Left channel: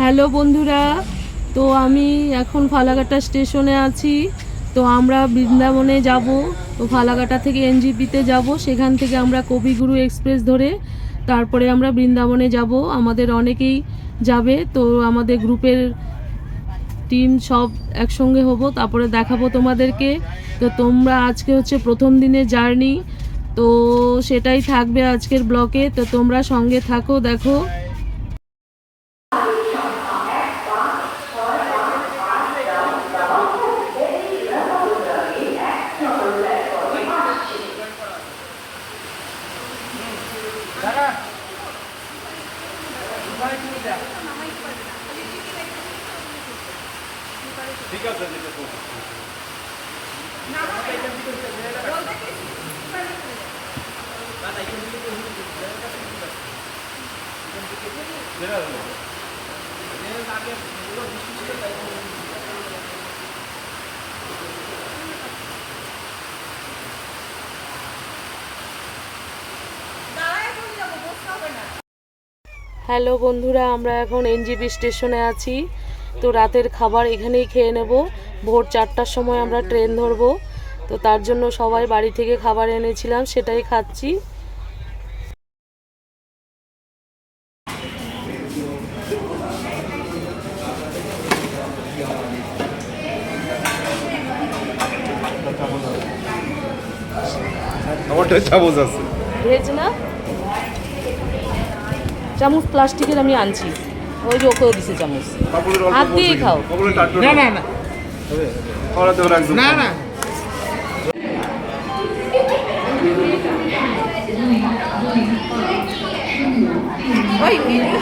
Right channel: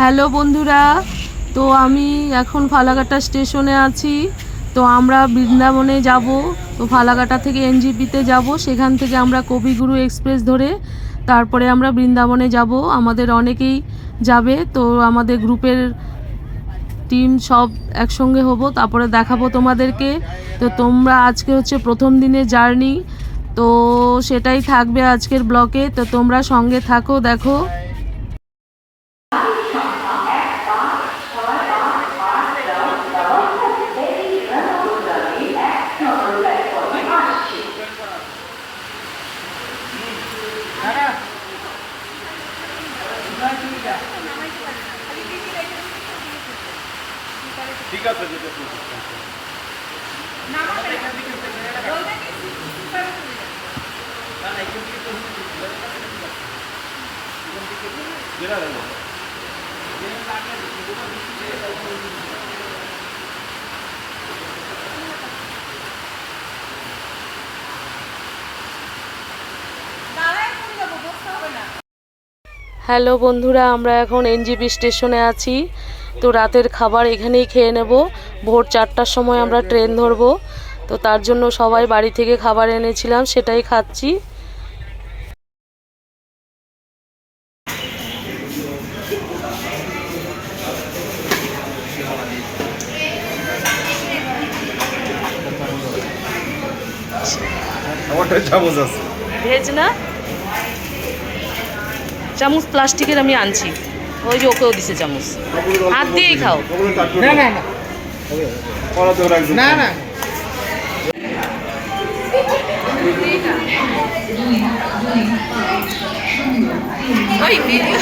Hello বন্ধুরা, তো আমি এখন ফালাকাটা স্টেশনে আছি। তো আমরা বৃন্দাবনে যাব, তো ফালাকাটা থেকে এনজিপিতে যাব, সেখান থেকে আমরা কবিগুরু এক্সপ্রেস ধরে তারপরে আমরা বৃন্দাবনে যাব। আমাদের অনেকেই যাবে, তো আমাদের গ্রুপের টিম সব একসঙ্গে হব, তারপরে দেখাবো তোমাদেরকে। তো তোমরা আজকে হচ্ছে প্রথম দিনের জার্নি, তো সেটাই থাকবে আজকের ব্লকে। তো তোমরা সঙ্গে থাকো, দেখো। ঠিক আছে যেটা করছি। হ্যালো বন্ধুরা আমরা এখন এনজিপি স্টেশনে আছি। তো রাতের খাবার এখানেই খেয়ে নেব। ভোর চারটার সময় আমরা ট্রেন ধরবো। তো তার জন্য সবাই বাড়ি থেকে খাবার এনেছিলাম সেটাই খাচ্ছি। ভেজ না? চামচ প্লাস্টিকের আমি আনছি। ওই যে ওকেও দিছে চামচ। হাত দিয়েই খাও। না না না। ওরা তো একদম না না। ওই ভিডিও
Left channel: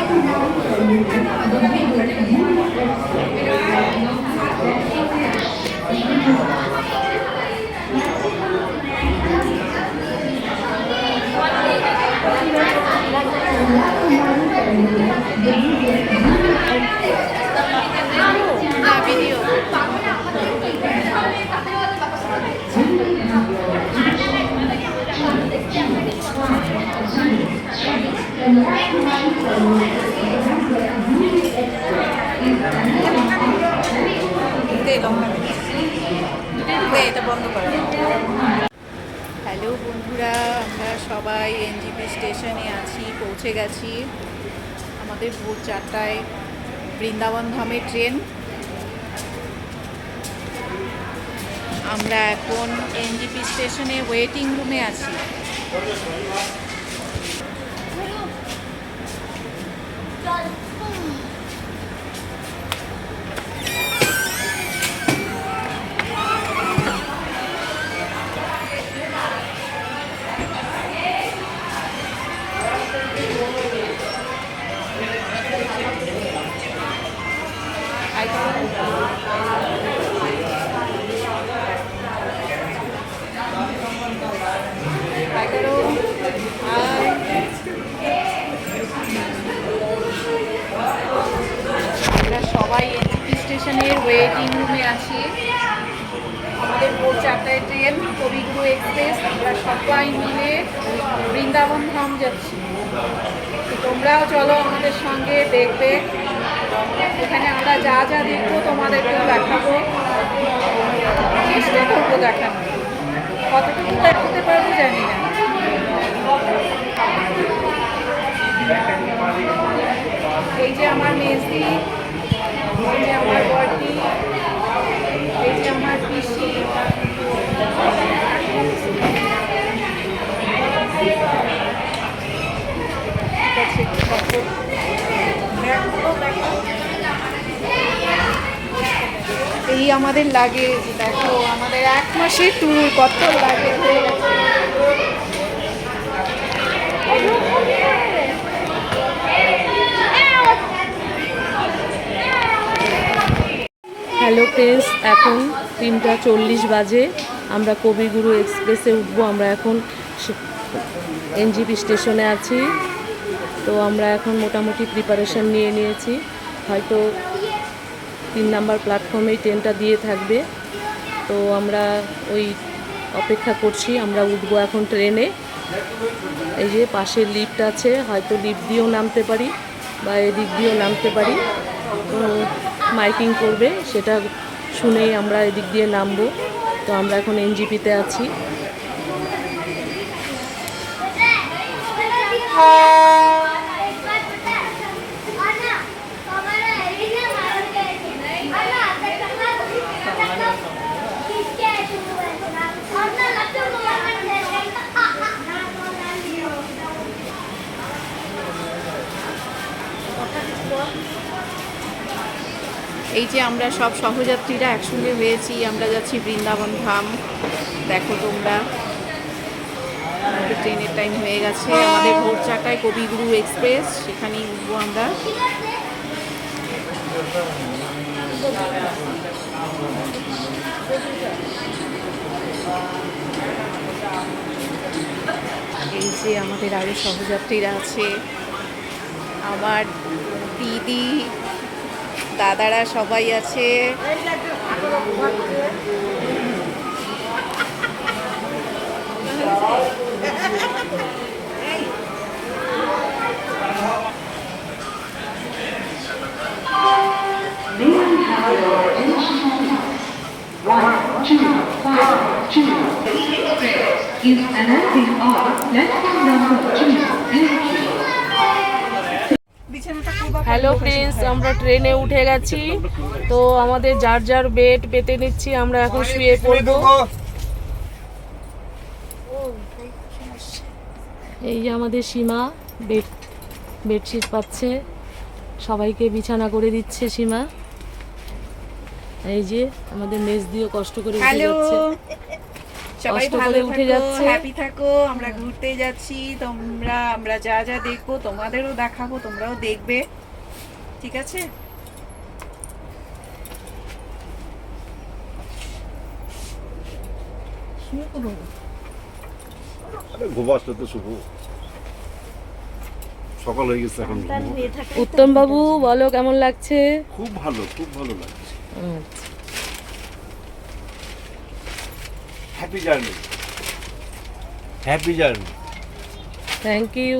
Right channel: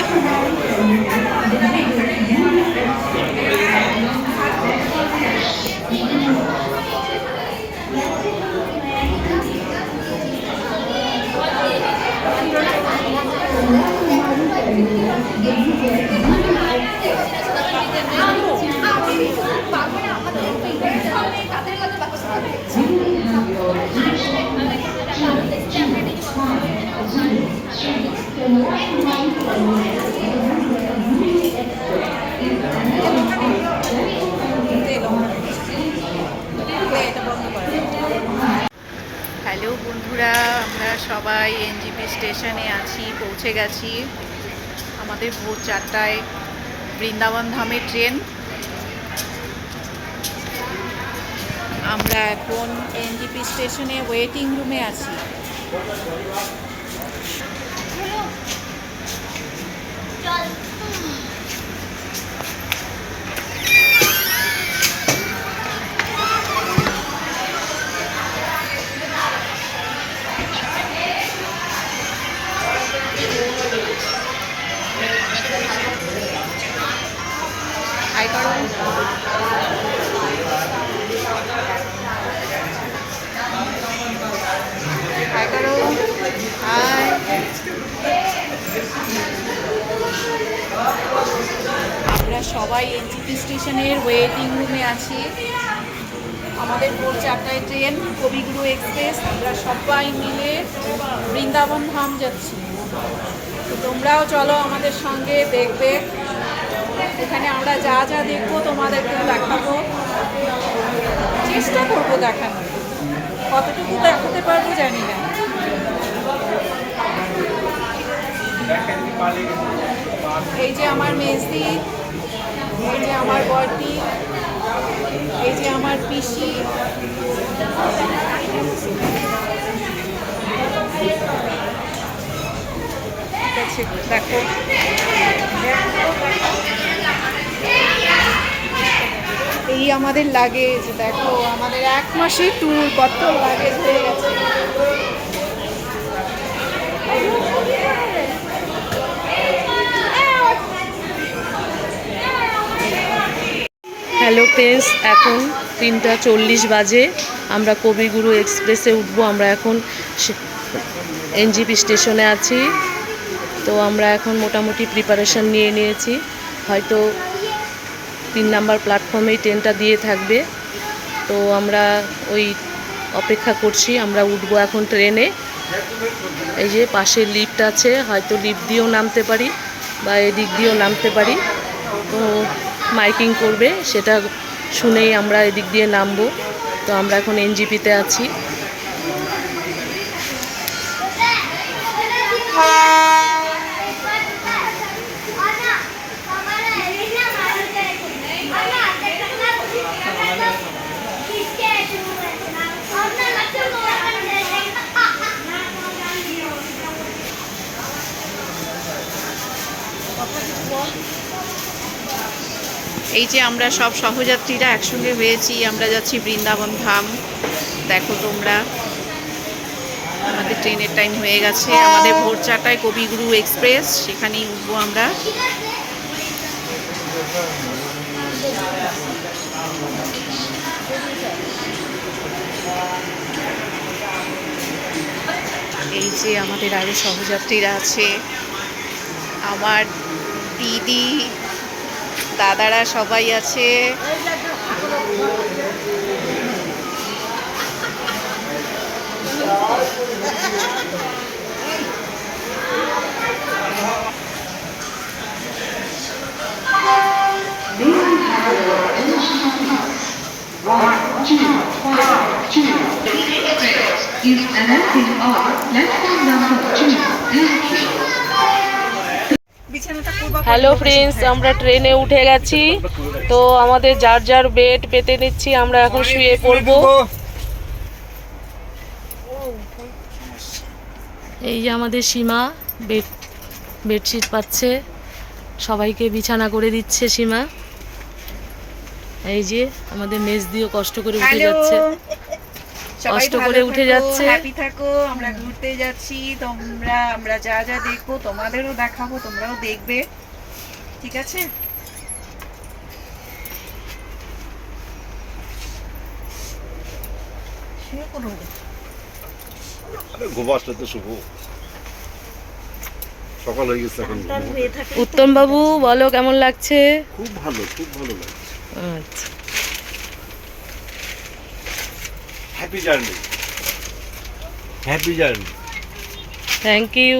হ্যালো বন্ধুরা আমরা সবাই এনজিপি স্টেশনে আছি, পৌঁছে গেছি। আমাদের ভোর চারটায় বৃন্দাবন ধামের ট্রেন। আমরা এখন এনজিপি স্টেশনে ওয়েটিং রুমে আছি। আমরা সবাই এনজিপি স্টেশনের ওয়েটিং রুমে আছি। আমাদের ভোর চারটায় ট্রেন, কবিগুরু এক্সপ্রেস আমরা সবাই মিলে বৃন্দাবন ধাম যাচ্ছি। তোমরাও চলো আমাদের সঙ্গে দেখবে। এখানে আমরা যা যা দেখব তোমাদেরকেও দেখাবো। চেষ্টা করব দেখানো কতটুকু দেখাতে পারব জানি না। এই যে আমার মেজদি, এই যে আমার বর্দি, এই যে আমার পিসি। দেখো। এই আমাদের লাগেজ দেখো, আমাদের এক মাসে ট্যুর কত গেছে। হ্যালো ফ্রেন্ডস এখন তিনটা চল্লিশ বাজে। আমরা কবিগুরু এক্সপ্রেসে উঠবো, আমরা এখন এনজিপি স্টেশনে আছি। তো আমরা এখন মোটামুটি প্রিপারেশন নিয়ে নিয়েছি। হয়তো তিন নাম্বার প্ল্যাটফর্মেই ট্রেনটা দিয়ে থাকবে। তো আমরা ওই অপেক্ষা করছি, আমরা উঠবো এখন ট্রেনে এই যে পাশে লিফট আছে, হয়তো লিফট দিয়েও নামতে পারি বা এদিক দিয়েও নামতে পারি। তো মাইকিং করবে, সেটা শুনেই আমরা এদিক দিয়ে নামবো। তো আমরা এখন এনজিপিতে আছি। এই যে আমরা সব সহযাত্রীরা একসঙ্গে হয়েছি, আমরা যাচ্ছি বৃন্দাবন ধাম। দেখো তোমরা, আমাদের ট্রেনের টাইম হয়ে গেছে। আমাদের ভোর চারটায় কবিগুরু এক্সপ্রেস, সেখানেই উঠবো আমরা। এই যে আমাদের আরও সহযাত্রীরা আছে। আমার দিদি দাদারা সবাই আছে is announcing on platform number two. Thank hello friends আমরা ট্রেনে উঠে গেছি। তো আমাদের যার যার বেড পেতে নিচ্ছি আমরা এখন শুয়ে পড়ব। এই যে আমাদের সীমা বেড বেডশিট পাচ্ছে। সবাইকে বিছানা করে দিচ্ছে সীমা। এই যে আমাদের মেজ দিয়েও কষ্ট করে উঠে যাচ্ছে। কষ্ট করে উঠে যাচ্ছে। হ্যাপি থাকো আমরা ঘুরতে যাচ্ছি। তোমরা আমরা যা যা দেখব তোমাদেরও দেখাবো তোমরাও দেখবে। ঠিক আছে? আরে ঘুম আসলে তো শুভ। সকাল হয়ে গেছে এখন ঘুমো। উত্তম বাবু বলো কেমন লাগছে? খুব ভালো খুব ভালো লাগছে। আচ্ছা। Happy journey happy journey thank you